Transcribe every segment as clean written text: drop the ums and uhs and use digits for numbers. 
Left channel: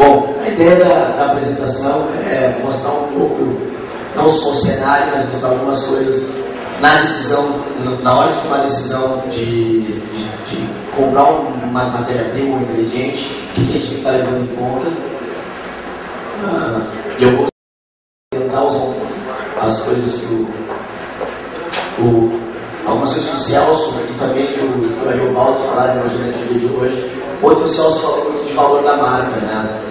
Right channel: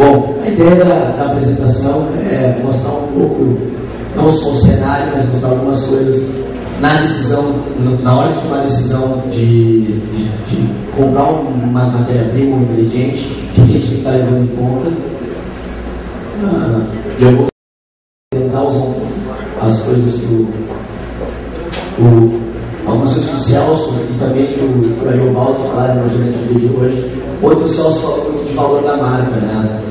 Bom, a ideia da apresentação é mostrar um pouco, não só o cenário, mas mostrar algumas coisas na decisão, na hora de tomar a decisão de comprar uma matéria-prima, um ingrediente, que a gente tem que estar levando em conta. Eu vou tentar usar as coisas que algumas coisas que o Celso e também que o Ariovaldo falaram durante o dia de hoje. Outro, o Celso falou muito de valor da marca, né?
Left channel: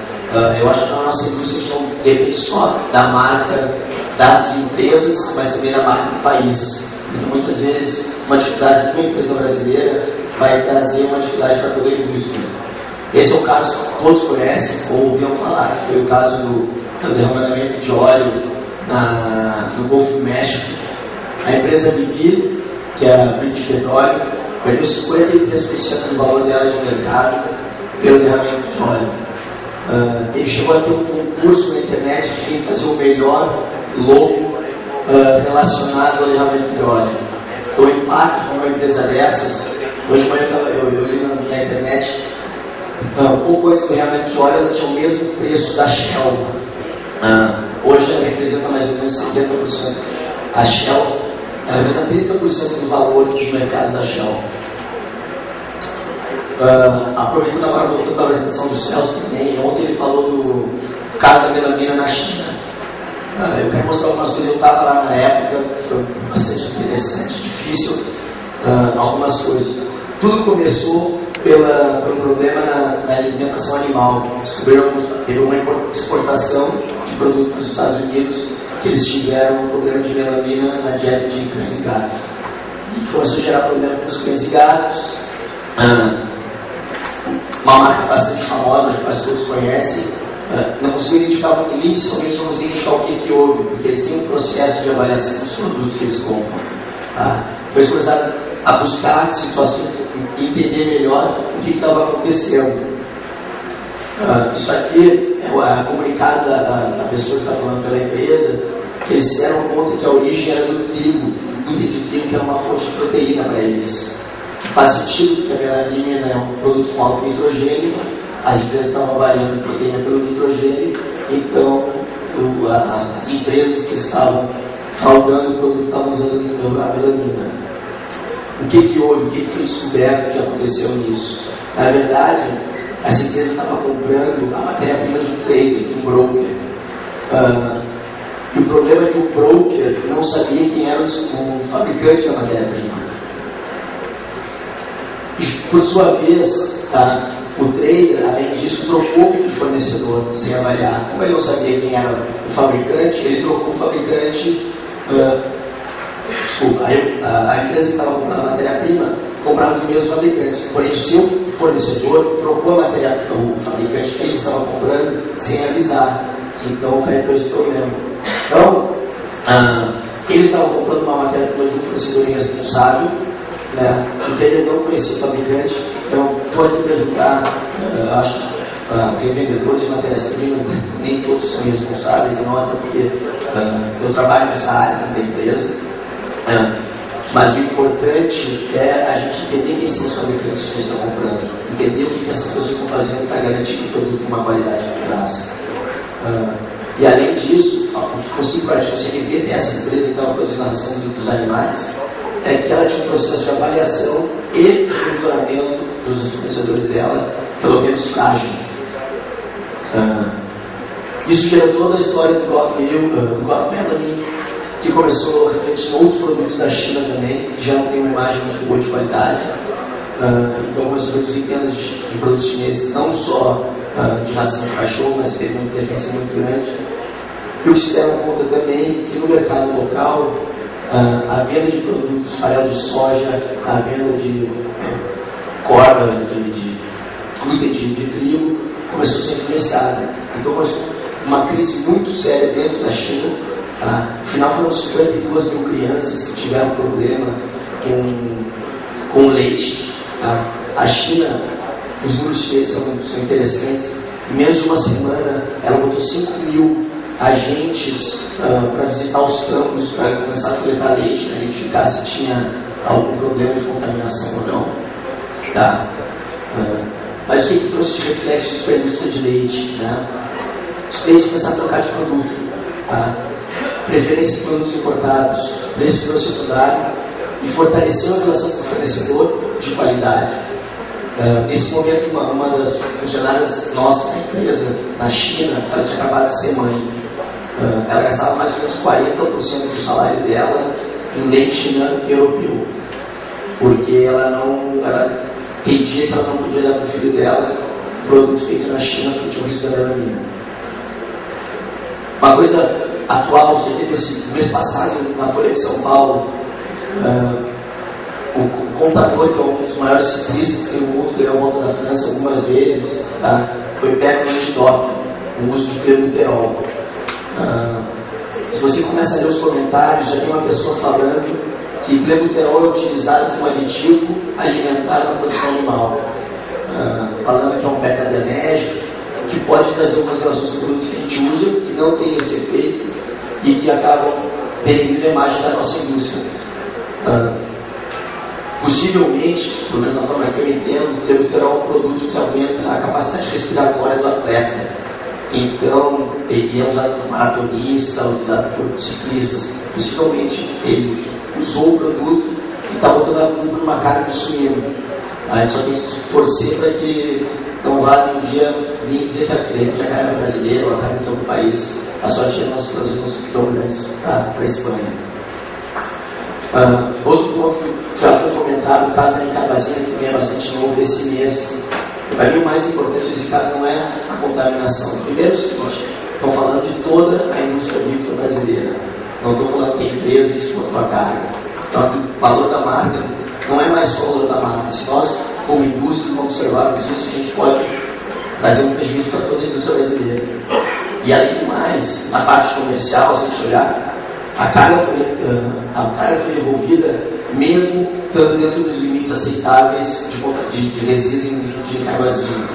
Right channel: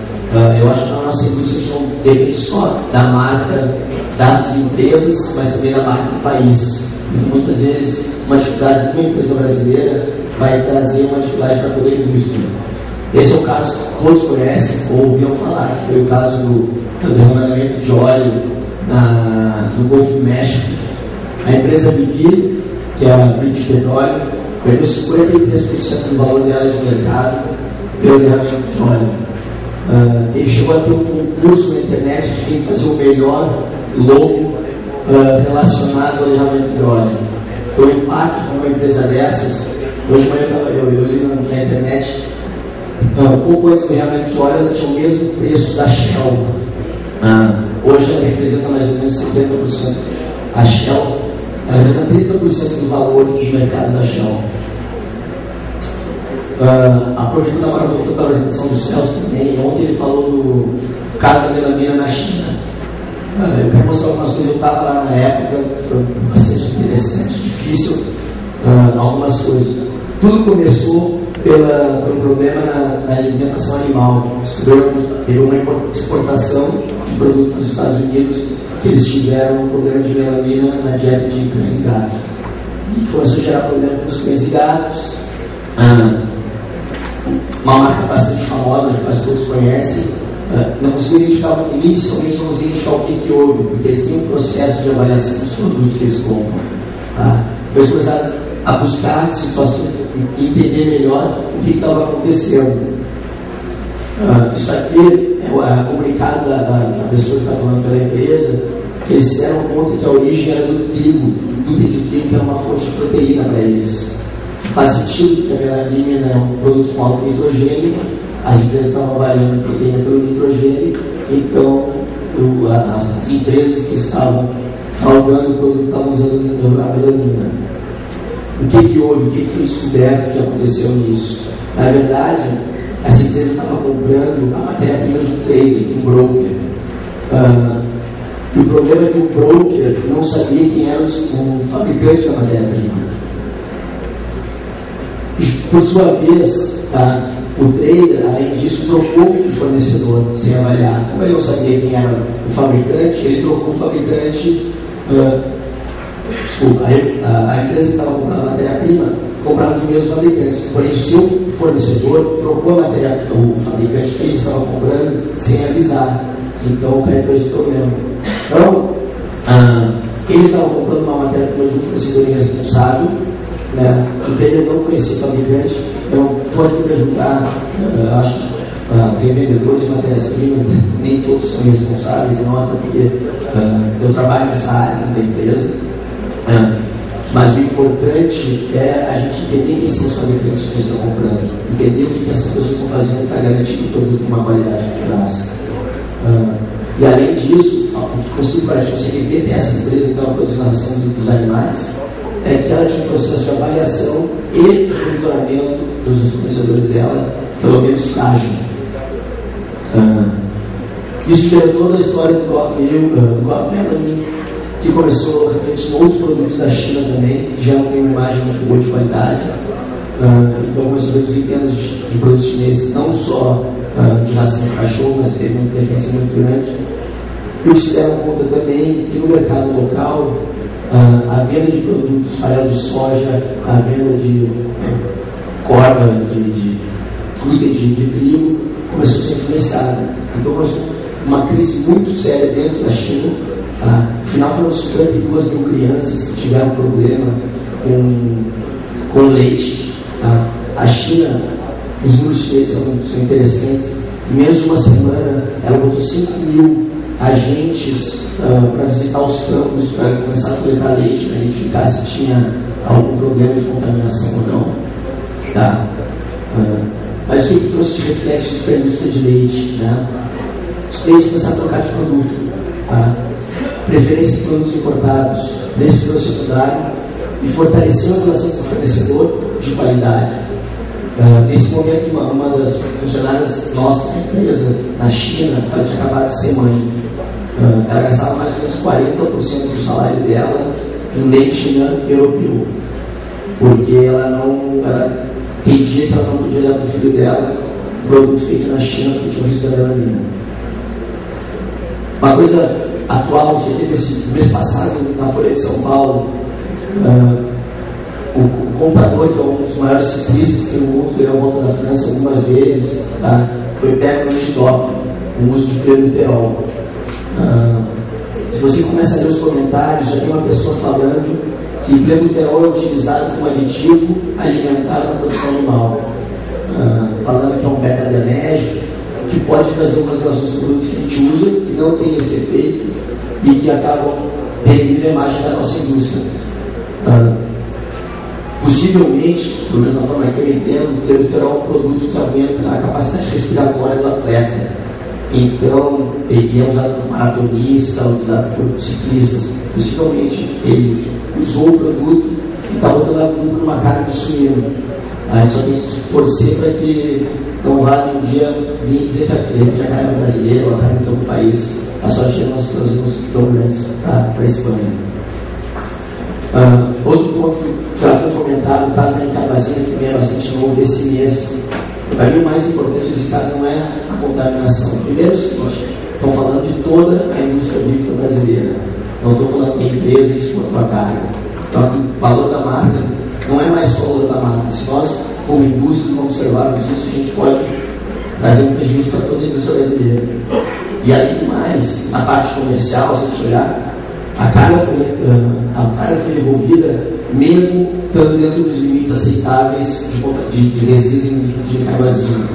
Eu acho que na nossa indústria não depende só da marca das empresas, mas também da marca do país. Muitas vezes, uma dificuldade de uma empresa brasileira vai trazer uma dificuldade para toda a indústria. Esse é o caso que todos conhecem ou ouviram falar, que foi o caso do derramamento de óleo no Golfo do México. A empresa BP, que é a British Petroleum, perdeu 53% do valor dela de mercado pelo derramamento de óleo. Ele chegou a ter um concurso na internet de quem fazia o melhor logo relacionado ao derramamento de óleo. Então, o impacto de uma empresa dessas, hoje de manhã eu li na internet, pouco antes do derramamento de óleo, ela tinha o mesmo preço da Shell. Hoje ela representa mais ou menos 70%. A Shell representa 30% do valor do mercado da Shell. Aproveitando agora, voltando para a apresentação do Celso também, ontem ele falou do caso da melamina na China. Eu quero mostrar algumas coisas. Eu estava lá na época, foi bastante interessante, difícil, algumas coisas. Tudo começou pelo problema na alimentação animal. Descobriram que teve uma exportação de produtos dos Estados Unidos, que eles tiveram um problema de melamina na dieta de cães e gatos. E começou a gerar problema com os cães e gatos. Uma marca bastante famosa, que quase todos conhecem, não consigo identificar, inicialmente não consigo identificar o que houve, porque eles têm um processo de avaliação dos produtos que eles compram. Depois começaram a buscar situações, entender melhor o que estava acontecendo. Isso aqui é o comunicado da pessoa que está falando pela empresa, que eles se deram conta que a origem era do trigo, do glúten de trigo, que é uma fonte de proteína para eles. Faz sentido que a melamina é um produto com alto nitrogênio, as empresas estavam avaliando a proteína pelo nitrogênio, então as empresas que estavam fraudando o produto estavam usando a melamina. O que houve? O que foi descoberto que aconteceu nisso? Na verdade, essa empresa estava comprando a matéria-prima de um trader, de um broker. E o problema é que o broker não sabia quem era o fabricante da matéria-prima. Por sua vez, o trader, além disso, trocou o fornecedor sem avaliar. Como ele não sabia quem era o fabricante, ele trocou o fabricante. A empresa que estava comprando a matéria-prima comprava dos mesmos fabricantes. Porém, o seu fornecedor trocou o fabricante que ele estava comprando sem avisar. Então, caiu esse problema. Então, eles estavam comprando uma matéria-prima de um fornecedor irresponsável. O trader não conhecia o fabricante. Eu estou aqui para ajudar, acho que revendedores de matérias-primas, nem todos são responsáveis, não, até porque eu trabalho nessa área da empresa. Mas o importante é a gente entender quem são os fabricantes que a gente está comprando, entender o que essas pessoas estão fazendo para garantir que o produto tem uma qualidade de graça. E além disso, o que consigo a gente consegue ver dessa empresa que estava produzindo a ração dos animais é que ela tinha um processo de avaliação e de monitoramento dos fornecedores dela, pelo menos frágil. Isso gerou toda a história do God Melamine, que começou refletindo outros produtos da China também, que já não tem uma imagem muito boa de qualidade. Então começou a reduzir vendas de produtos chineses, não só de ração de cachorro, mas teve uma interferência muito grande. E o que se deram conta também que no mercado local, a venda de produtos, farelo de soja, a venda de corda, de glúten de trigo, começou a ser influenciada. Então começou uma crise muito séria dentro da China. No final foram 52 mil crianças que tiveram problema com leite. A China, os números chineses são interessantes. Em menos de uma semana, ela botou 5 mil agentes para visitar os campos, para começar a coletar leite, para identificar se tinha algum problema de contaminação ou não. Mas o que trouxe de reflexos para a indústria de leite? Né? Os clientes começaram a trocar de produto. Tá? Preferência de produtos importados, preço pelo secundário e fortaleceu a relação com o fornecedor de qualidade. Nesse momento, uma das funcionárias nossas da empresa, na China, ela tinha acabado de ser mãe. Ela gastava mais ou menos 40% do salário dela em leite europeu, porque ela entendia que ela não podia dar para o filho dela produtos feitos na China porque tinha um risco da melanina. Uma coisa atual, você teve esse mês passado na Folha de São Paulo, o comprador, que é um dos maiores ciclistas que tem no mundo, ganhou a Volta da França algumas vezes, tá? Foi pego no antidoping, o uso de clenbuterol. Se você começa a ler os comentários, já tem uma pessoa falando que clenbuterol é utilizado como aditivo alimentar na produção animal, falando que é um beta-adrenérgico, que pode trazer algumas relações com produtos que a gente usa, que não tem esse efeito e que acabam denegrindo a imagem da nossa indústria. Possivelmente, pelo menos na forma que eu entendo, o clenbuterol é um produto que aumenta a capacidade respiratória do atleta. Então, ele é usado por maratonista, usado por ciclistas. Possivelmente, ele usou o produto e está botando a culpa numa carne de suíno. A gente só tem que torcer para que não vá um dia vir dizer que a carne é brasileira ou a carne de outro país. A sorte é que nós trazemos dominantes para a Espanha. Outro ponto que já foi comentado, o caso da Icabazina, que também é bastante novo desse mês. Para mim, o mais importante desse caso não é a contaminação. Primeiro, o seguinte: estou falando de toda a indústria agrícola brasileira. Não estou falando de empresa que exportou a carne. Então, aqui, o valor da marca não é mais só o valor da marca. Se nós, como indústria, não observarmos isso, a gente pode trazer um prejuízo para toda a indústria brasileira. E, além do mais, na parte comercial, se a gente olhar, a carga foi devolvida mesmo estando dentro dos limites aceitáveis de resíduo de carbazina.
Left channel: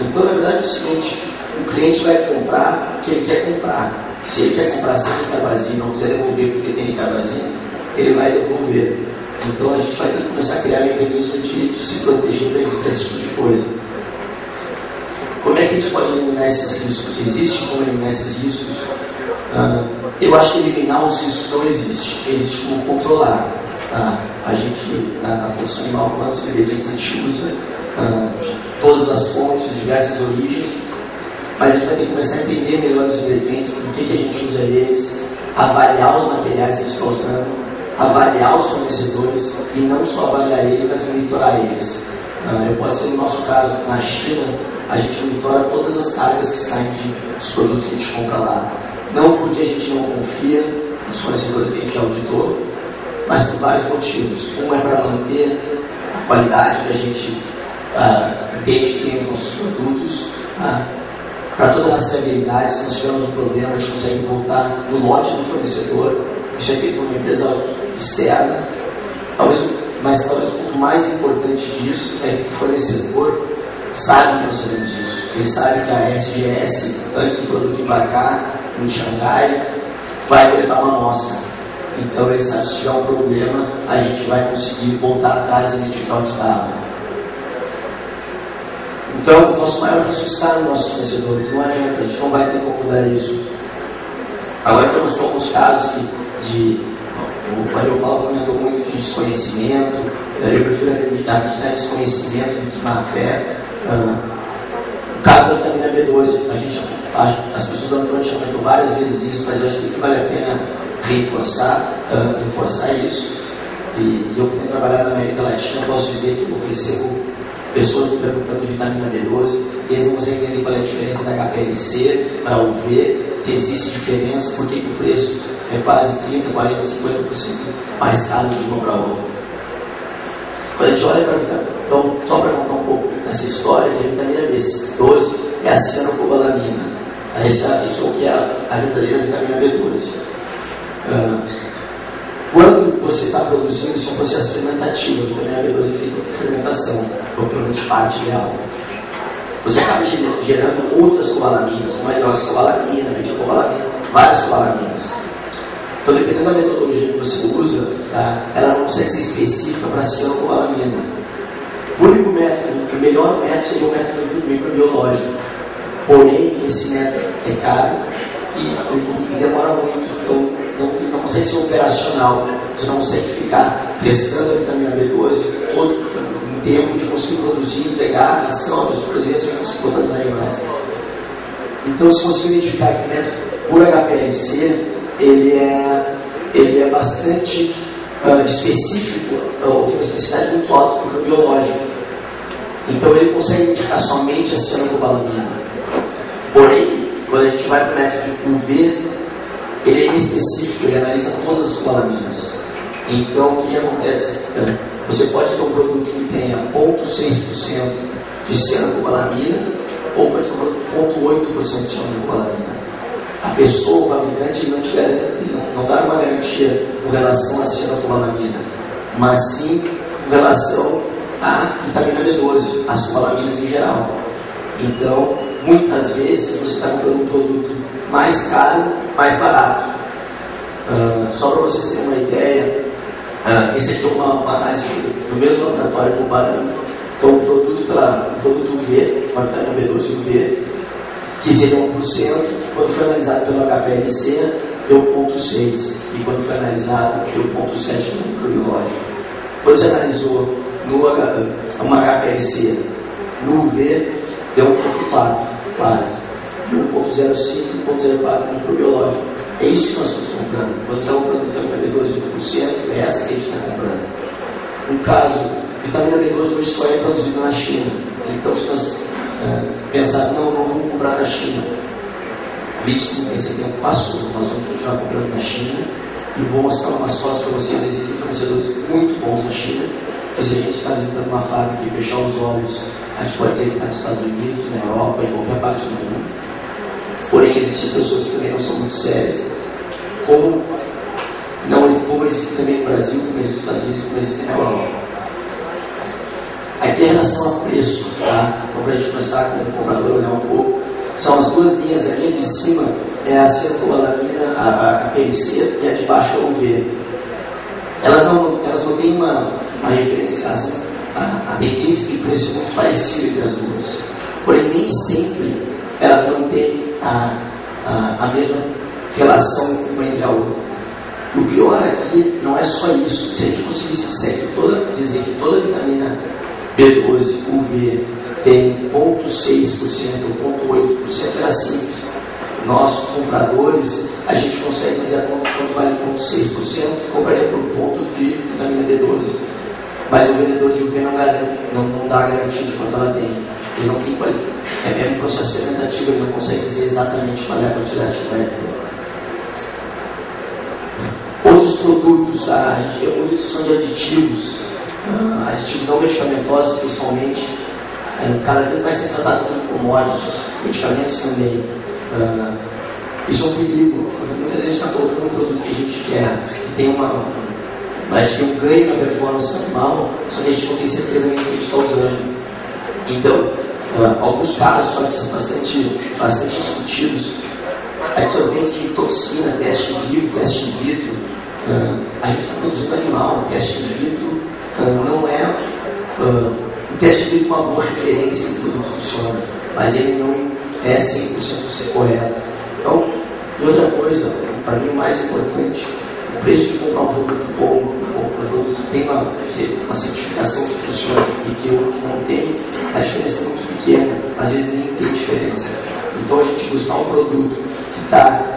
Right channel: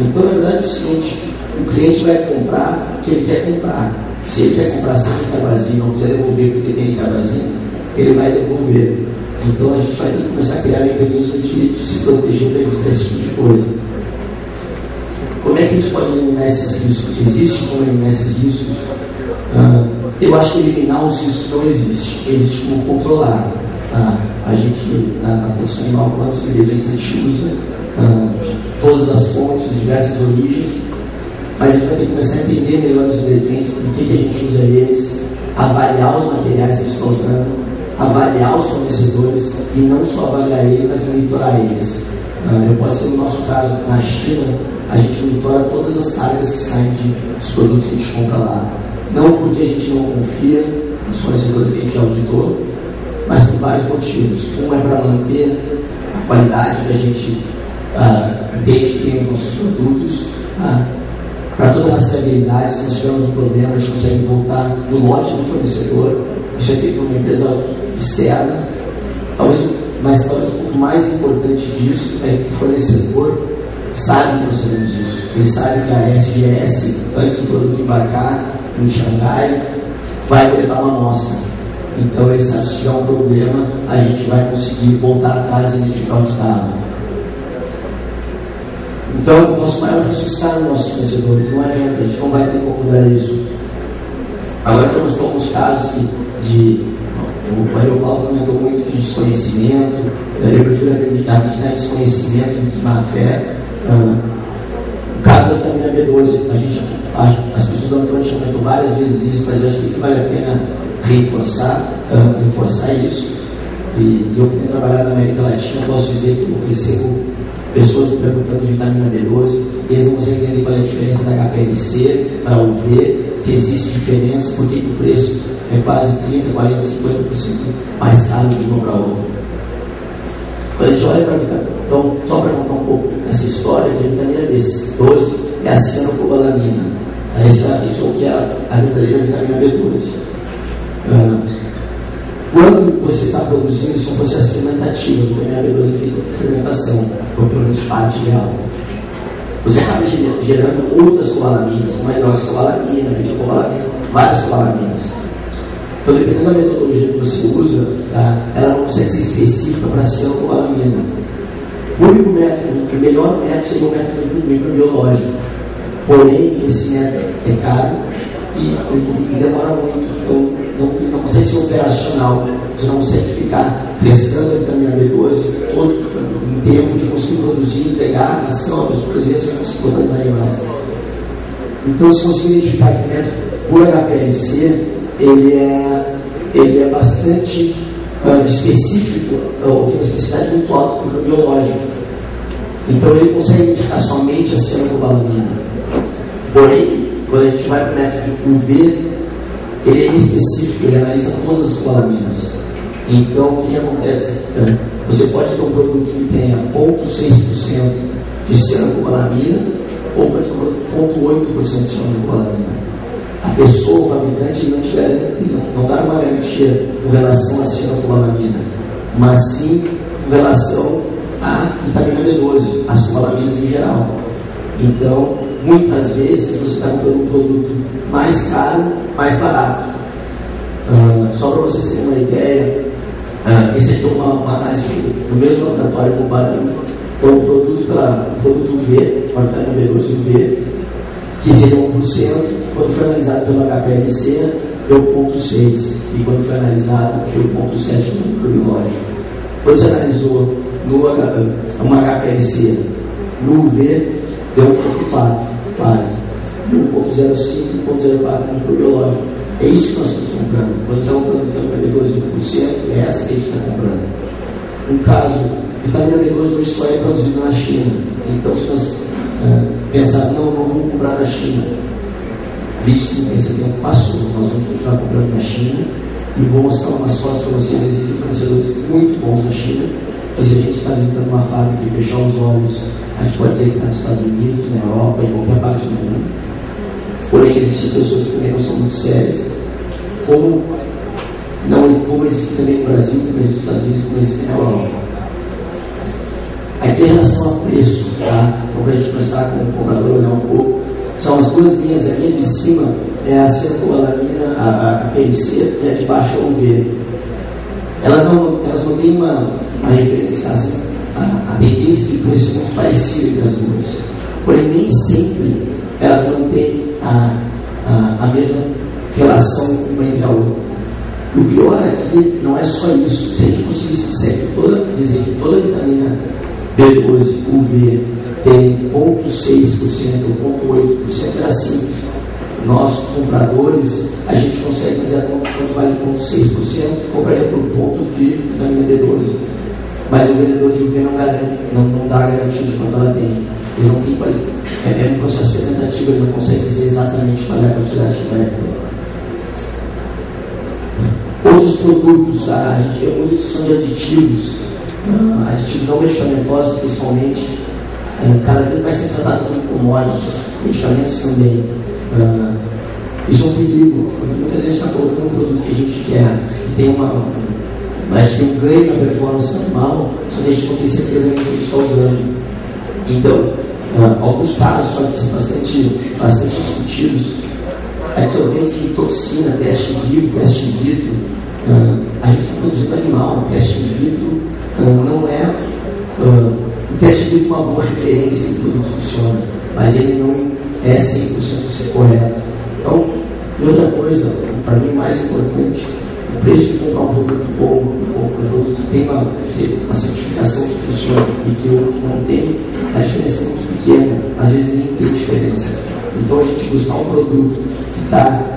Então, na verdade, é o seguinte: o cliente vai comprar o que ele quer comprar. Se ele quer comprar sem carbazina, não quiser devolver porque tem carbazina, ele vai devolver. Então, a gente vai ter que começar a criar mecanismo de se proteger para esse tipo de coisa. Como é que a gente pode eliminar esses riscos? Existe como eliminar esses riscos? Eu acho que eliminar os riscos não existe. Existe como controlar. A gente, na produção animal, quantos ingredientes a gente usa, de todas as fontes, de diversas origens, mas a gente vai ter que começar a entender melhor os ingredientes, por que a gente usa eles, avaliar os materiais que a gente está usando, avaliar os fornecedores e não só avaliar eles, mas monitorar eles. Eu posso ser no nosso caso, na China, a gente monitora todas as cargas que saem dos produtos que a gente compra lá. Não porque a gente não confia nos fornecedores que a gente auditou, mas por vários motivos. Um é para manter a qualidade que a gente entende que tem nos nossos produtos, para toda a rastreabilidade. Se nós tivermos um problema, a gente consegue voltar no lote do fornecedor. Isso é feito por uma empresa externa. Mas talvez o ponto mais importante disso é que o fornecedor sabe que nós fazemos isso. Ele sabe que a SGS, antes do produto embarcar em Xangai, vai coletar uma amostra. Então, ele sabe que se tiver um problema, a gente vai conseguir voltar atrás e identificar onde estava. Então, o nosso maior risco está nos nossos fornecedores. Não adianta, a gente não vai ter como mudar isso. Agora, temos alguns casos o Mário Paulo comentou muito de desconhecimento. Eu prefiro acreditar que é desconhecimento do que má fé. O caso da vitamina B12, as pessoas da Antônio já comentou várias vezes isso, mas eu acho que vale a pena reforçar isso. E eu que tenho trabalhado na América Latina, posso dizer que eu recebo pessoas me perguntando de vitamina B12, e eles não conseguem entender qual é a diferença da HPLC para UV, se existe diferença, por que o preço é quase 30%, 40%, 50% mais caro de uma para outra. Quando a gente olha para a vitamina, então, só para contar um pouco essa história, a vitamina B12 é a cianocobalamina. Isso é o que é a verdadeira vitamina B12. Quando você está produzindo, isso é um processo fermentativo. A vitamina B12 é feita por fermentação, propriamente parte dela. Você acaba gerando outras cobalaminas, como a hidroxicobalamina, meticobalamina, várias cobalaminas. Então, dependendo da metodologia que você usa, ela não consegue ser específica para a cianocobalamina. O único método, o melhor método seria o método microbiológico. Porém, esse método é caro e demora muito, então não consegue ser operacional. Você não consegue ficar testando a vitamina B12 todo em tempo de conseguir produzir, entregar, ação, produzir, você vai conseguir botar nos animais. Então, se conseguir identificar que o método por HPLC, ele é bastante específico, ou tem uma especificidade muito alta para o biológico. Então, ele consegue identificar somente a cianocobalamina. Porém, quando a gente vai para o método de UV, ele é específico, ele analisa todas as colaminas. Então, o que acontece? Você pode ter um produto que tenha 0,6% de cianocobalamina ou pode ter um produto 0,8% de cianocobalamina. A pessoa, o fabricante, não te garante, não dá uma garantia com relação à cianocobalamina, mas sim com relação à vitamina B12, as cobalaminas em geral. Então, muitas vezes você está comprando um produto mais caro, mais barato. Só para vocês terem uma ideia, esse aqui é uma análise do mesmo laboratório comparando então, o produto V, uma vitamina B12 UV, que seria 1%, quando foi analisado pelo HPLC, deu 0,6%, e quando foi analisado, deu 0,7% no microbiológico. Quando você analisou uma HPLC no UV, deu 1,4%, quase. 1,05%, 1,04% no microbiológico. É isso que nós estamos comprando. Quando você está comprando vitamina B12 1%, é essa que a gente está comprando. No caso, vitamina B12 hoje só é produzida na China. Então, se nós pensar, não vamos comprar na China, visto que esse tempo passou, nós vamos continuar comprando na China e vou mostrar umas fotos para vocês. Existem fornecedores muito bons na China, que se a gente está visitando uma fábrica e fechar os olhos, a gente pode ter que estar nos Estados Unidos, na Europa, em qualquer parte do mundo. Porém, existem pessoas que também não são muito sérias, como existe também no Brasil, como existe nos Estados Unidos, como existe na Europa. Aqui em relação a preço, tá? Então, para a gente começar com o comprador olhar um pouco, são as duas linhas, a linha de cima é a cianocobalamina, a PLC, e a de baixo é o UV. Elas não têm uma referência, a tendência de preço é muito parecida entre as duas. Porém, nem sempre elas mantêm a mesma relação uma entre a outra. O pior aqui não é só isso. Se a gente conseguisse dizer que toda vitamina B12 UV tem 0,6% ou 0,8%, era simples. Nós, compradores, a gente consegue fazer a conta quanto vale 0,6%, compraria por ponto de vitamina B12. Mas o vendedor de UV não dá garantia de quanto ela tem. Eles não têm qualidade. É um processo fermentativo, ele não consegue dizer exatamente qual é a quantidade que vai ter. Outros produtos, tá? A gente tem muita discussão de aditivos não medicamentosos, principalmente. Cada vez vai ser tratado como commodities, medicamentos também. Isso é um perigo. Muitas vezes está colocando um produto que a gente quer, a gente tem um ganho na performance animal, só que a gente não tem certeza nem do que a gente está usando. Então, alguns casos, só que são bastante discutidos, absorventes de toxina, teste in vitro, a gente está produzindo animal, teste in vitro não é. O teste in vitro é uma boa referência de produto funciona, mas ele não é 100% correto. Então, e outra coisa, para mim, mais importante, o preço de comprar um produto bom, um produto que tem uma certificação que funciona e que eu não tenho, a diferença é muito pequena, às vezes nem tem diferença. Então, a gente buscar um produto que está